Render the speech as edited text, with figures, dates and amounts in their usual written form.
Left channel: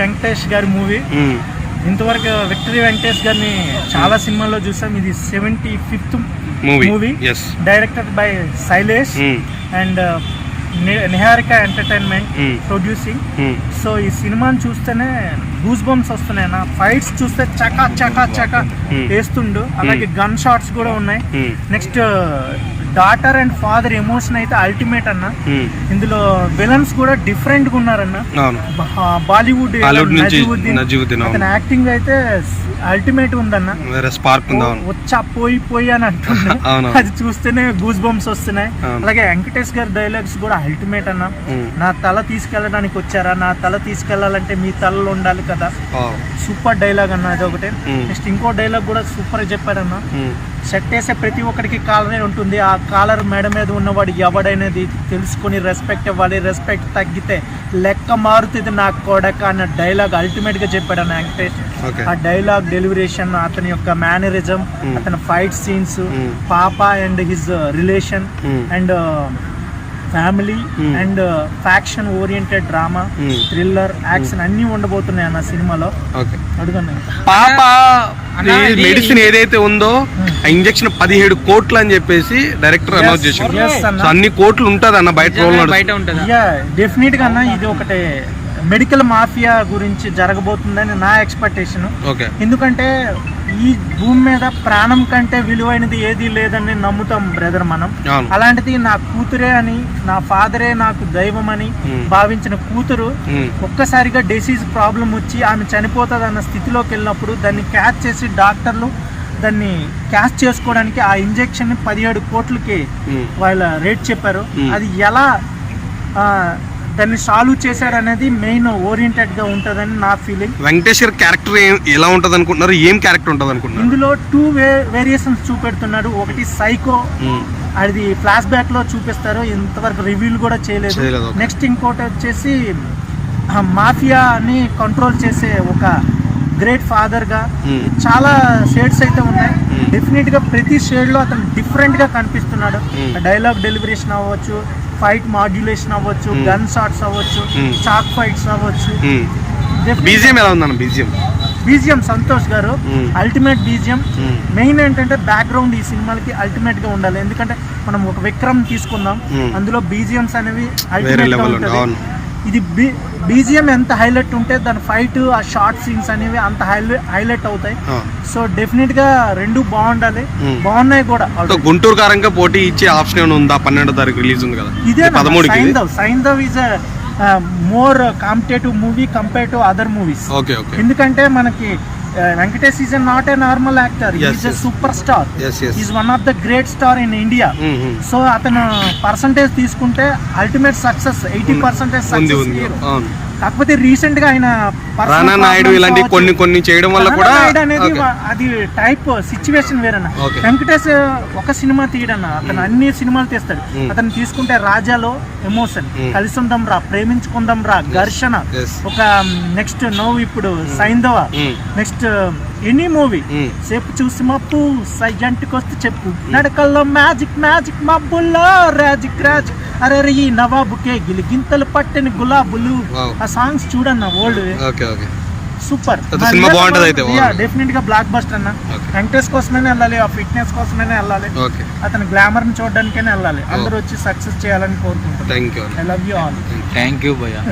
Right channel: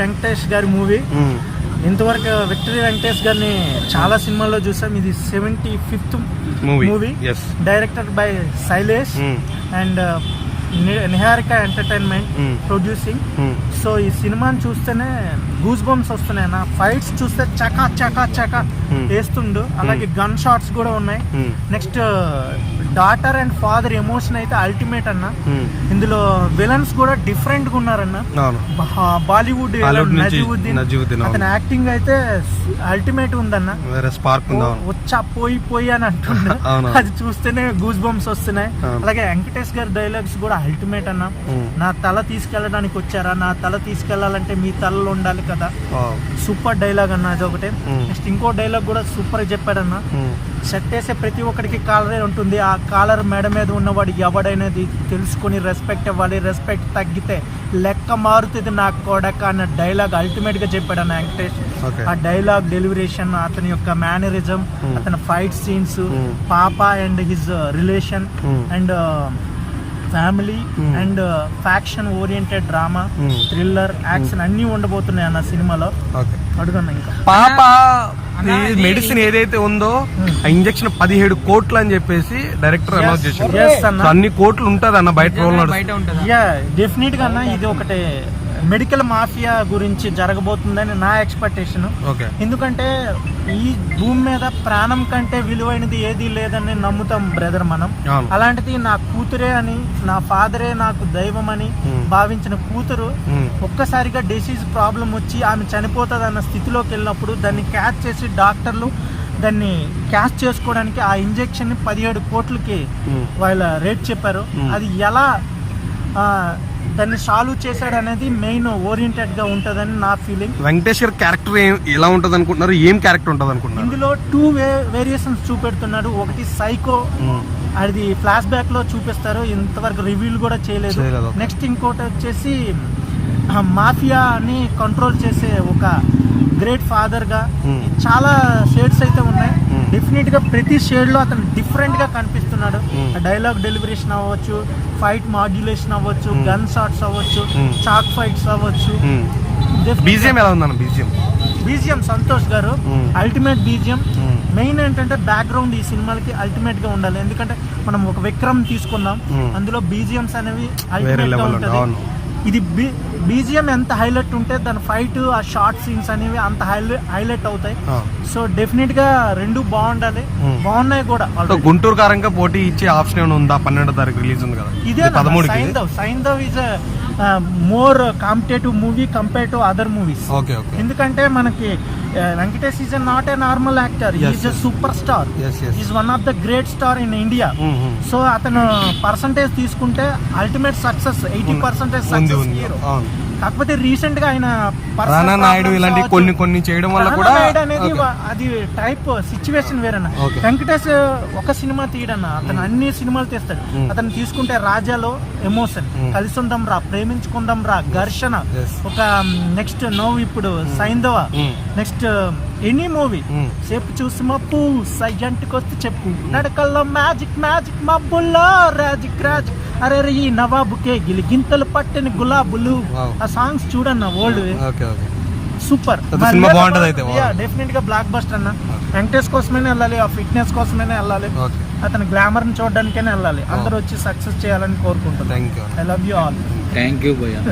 వెంకటేష్ గారి మూవీ. ఇంతవరకు విక్టరీ వెంకటేష్ గారిని చాలా సినిమాల్లో చూసాం. ఇది 75th movie, directed by Shailesh and Niharika entertainment producing. So ఈ సినిమాని చూస్తేనే గూస్ బంప్స్ వస్తున్నాయి. నా ఫైట్స్ చూస్తే చకా చకా చకా వేస్తుండు. అలాగే గన్ షాట్స్ కూడా ఉన్నాయి. Next daughter and father emotion అయితే అల్టిమేట్ అన్న. ఇందులో విలన్స్ కూడా డిఫరెంట్ గా ఉన్నారన్న. బాలీవుడ్ అతని యాక్టింగ్ అయితే అల్టిమేట్ ఉందన్న. వచ్చా పోయి అని అంటున్నా. అది చూస్తేనే గూస్ బంప్స్ వస్తున్నాయి. అలాగే వెంకటేష్ గారి డైలాగ్స్ కూడా అల్టిమేట్ అన్న. నా తల తీసుకెళ్ళడానికి వచ్చారా, నా తల తీసుకెళ్లాలంటే మీ తలలో ఉండాలి కదా. సూపర్ డైలాగ్ అన్న అది ఒకటే. నెక్స్ట్ ఇంకో డైలాగ్ కూడా సూపర్ చెప్పాడన్న. షర్ట్ వేసే ప్రతి ఒక్కడికి కాలరే ఉంటుంది. ఆ కాలర్ మెడ మీద ఉన్నవాడు ఎవడైనది తెలుసుకుని రెస్పెక్ట్ ఇవ్వాలి. రెస్పెక్ట్ తగ్గితే లెక్క మారుతుంది నా కొడక అన్న డైలాగ్ అల్టిమేట్ గా చెప్పాడు అన్న వెంకటేష్. ఆ డైలాగ్ డెలివరేషన్, అతని యొక్క మేనరిజం, అతని ఫైట్ సీన్స్, పాప and his relation and family and faction oriented drama, thriller, action అన్ని ఉండబోతున్నాయి అన్న సినిమాలో. అడుగున్నా ఇంకా పాప మెడిసిన్ ఏదైతే ఉందో ఆ ఇంజెక్షన్ 17 కోట్లు అని చెప్పేసి డైరెక్టర్ అనౌన్స్ చేశారు. అన్ని కోట్లు ఉంటది అన్న బయట. డెఫినెట్ గా అన్న ఇది ఒకటి మెడికల్ మాఫియా గురించి జరగబోతుందని నా ఎక్స్పెక్టేషన్. ఎందుకంటే ఈ భూమి మీద ప్రాణం కంటే విలువైనది ఏది లేదని నమ్ముతాం బ్రదర్ మనం. అలాంటిది నా కూతురే అని, నా ఫాదరే నాకు దైవం అని భావించిన కూతురు ఒక్కసారిగా డిసీజ్ ప్రాబ్లం వచ్చి ఆమె చనిపోతుంది అన్న స్థితిలోకి వెళ్ళినప్పుడు దాన్ని క్యాచ్ చేసి డాక్టర్లు దాన్ని క్యాచ్ చేసుకోవడానికి ఆ ఇంజెక్షన్ 17 కోట్లకి వాళ్ళ రేట్ చెప్పారు. అది ఎలా దాన్ని సాల్వ్ చేశాడు అనేది మెయిన్ ఓరియంటెడ్ గా ఉంటదని నా ఫీలింగ్. వెంకటేష్ గారి క్యారెక్టర్ ఎలా ఉంటది అనుకుంటున్నారు? ఏం క్యారెక్టర్ ఉంటది అనుకుంటున్నారు? ఇందులో 2 వేరియేషన్స్ చూపెడుతున్నాడు. ఒకటి సైకో, అది ఫ్లాష్ బ్యాక్ లో చూపిస్తారు, ఇంతవరకు రివ్యూలు కూడా చేయలేదు. నెక్స్ట్ ఇంకోటి వచ్చేసి మాఫియా అని కంట్రోల్ చేసే ఒక గ్రేట్ ఫాదర్ గా చాలా షేడ్స్ అయితే ఉన్నాయి. డెఫినెట్ గా ప్రతి షేడ్ లో అతను డిఫరెంట్ గా కనిపిస్తున్నాడు. డైలాగ్ డెలివరేషన్ అవ్వచ్చు, ఫైట్ మాడ్యులేషన్ అవ్వచ్చు, గన్ షాట్స్ అవ్వచ్చు, చాక్ ఫైట్స్ అవ్వచ్చు. బీజిఎం సంతోష్ గారు అల్టిమేట్ బీజిఎం. మెయిన్ ఏంటంటే బ్యాక్గ్రౌండ్ ఈ సినిమాలకి అల్టిమేట్ గా ఉండాలి. ఎందుకంటే మనం ఒక విక్రమ్ తీసుకుందాం, అందులో బీజిఎంస్ అనేవి అల్టిమేట్ గా ఉంటుంది. ఇది బీజిఎం ఎంత హైలైట్ ఉంటే దాని ఫైట్, ఆ షార్ట్ సీన్స్ అనేవి అంత హైలైట్ అవుతాయి. సో డెఫినెట్ గా రెండు బాగుండాలి, బాగున్నాయి కూడా. గుంటూరు కారంగా పోటీ ఇచ్చే ఆప్షన్ ఉందా? 12వ తారీఖు రిలీజ్ ఉంది కదా. ఇదే Saindhav is more competitive movie compare to other movies. ఎందుకంటే మనకి Venkatesh is not a normal actor, is a super star, is one of the great star in India. So అతను పర్సంటేజ్ తీసుకుంటే అల్టిమేట్ సక్సెస్ 80% సక్సెస్ హీరో. కాకపోతే recent గా ఆయన ఇలాంటి కొన్ని చేయడం వల్ల కూడా అనేది అది టైప్ సిచ్యువేషన్ వేరన్నా. వెంకటేష్ ఒక సినిమా తీయడన్నా, అతను అన్ని సినిమాలు తీస్తాడు. అతను తీసుకుంటే రాజాలో ఎమోషన్, కలిసుందాం రా, ప్రేమించుకుందాం రా, ఘర్షణ, ఒక నెక్స్ట్ నవ్వు ఇప్పుడు సైంధవ, నెక్స్ట్ ఎనీ మూవీ చెప్పు చూసి మప్పు సైజంట్కి వస్తే చెప్పు, నడకల్లో మ్యాజిక్ మ్యాజిక్ మబ్బుల్లో రాజిక్ రాజ్, అరే ఈ నవాబుకే గిలిగింతలు పట్టిన గులాబులు, ఆ సాంగ్స్ చూడన్న ఓల్డ్ సూపర్. డెఫినెట్ గా బ్లాక్ బస్టర్ అన్న. వెంకటేష్ కోసమైనా వెళ్ళాలి, ఆ ఫిట్నెస్ కోసమైనా వెళ్ళాలి, అతని గ్లామర్ ని చూడడానికైనా వెళ్ళాలి. అందరూ వచ్చి సక్సెస్ చేయాలని కోరుకుంటున్నాను. I love you all. Thank you భయ్యా.